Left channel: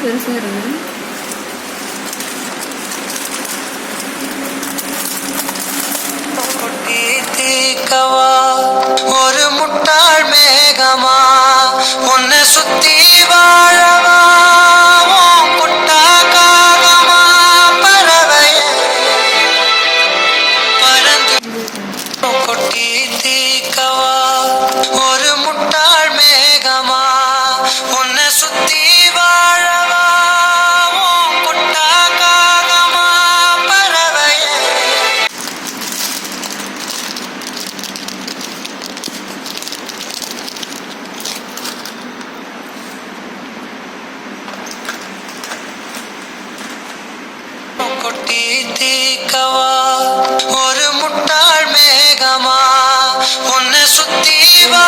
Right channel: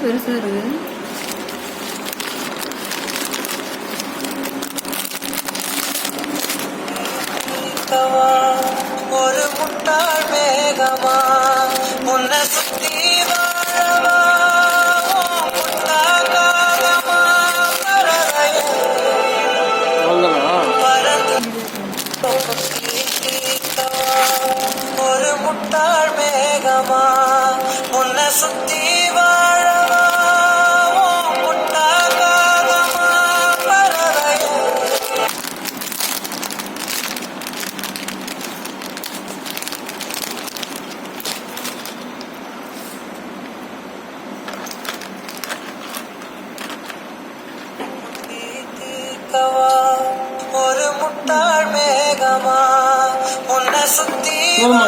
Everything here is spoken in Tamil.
பெருசாக இருக்குது. ஒரு முட்டாள் மேகமா உன்னை சுத்தி வாழவா முட்டா காகமா பறவைய பறந்து கொட்டி தீக்கவா ஒரு முட்டாள் மேகமா உன்னை சுத்தி வாழவா முட்டா காகமா பறவைய கொட்டி தீக்கவா ஒரு முட்டாள் மேகமா உன்னை சுத்தி வா